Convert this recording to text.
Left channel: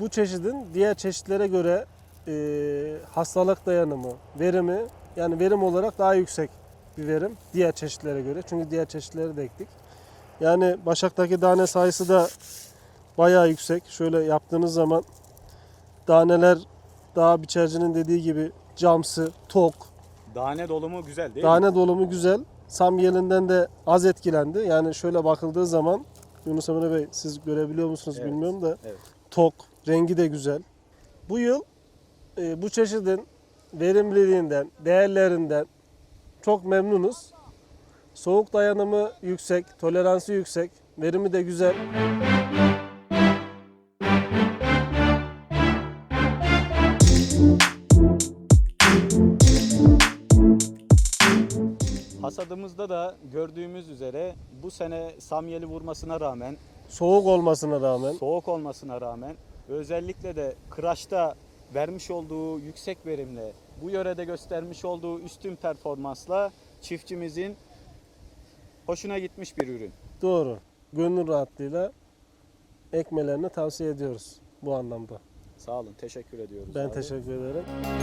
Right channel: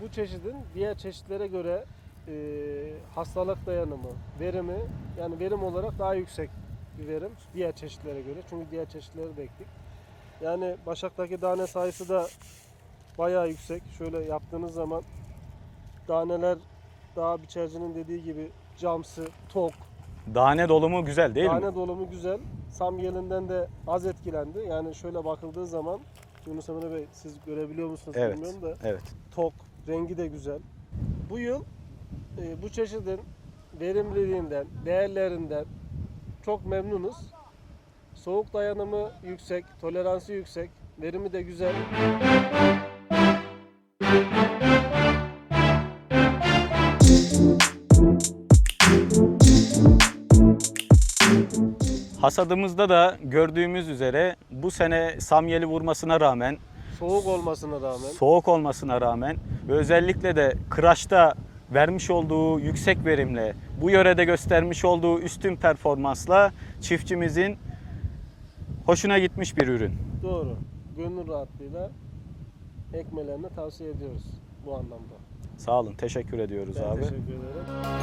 bu çeşidin diğer çeşitlere göre e, hastalık dayanımı, verimi yani verim olarak daha yüksek bir verim diğer çeşitlere göre. Çünkü diğer çeşitleri de ektik. Yani Başak'taki tane sayısı da bayağı yüksek. Şöyle yaptığınız zaman taneler daha biçercinin dediği gibi camsı, tok, Tane dolumu güzel değil mi? tane dolumu güzel. Samyelinden de az etkilendi. Yani şöyle bakıldığı zaman Yunus Emre Bey siz görebiliyor musunuz Evet. bilmiyorum da Evet. tok, rengi de güzel. Bu yıl e, bu çeşidin verimliliğinden, değerlerinden çok memnunuz. Soğuk dayanımı yüksek, toleransı yüksek, verimi de güzel. Hasadımızda da gördüğümüz üzere bu sene samyeli vurmasına rağmen, Soğuk olmasına rağmen soğuk olmasına rağmen ve özellikle de kıraçta vermiş olduğu yüksek verimle, bu yörede göstermiş olduğu üstün performansla çiftçimizin hoşuna gitmiş bir ürün. doğru. Gönül rahatlığıyla ekmelerini tavsiye ediyoruz bu anlamda. Sağ olun, teşekkür ediyoruz Ben abi. teşekkür ederim.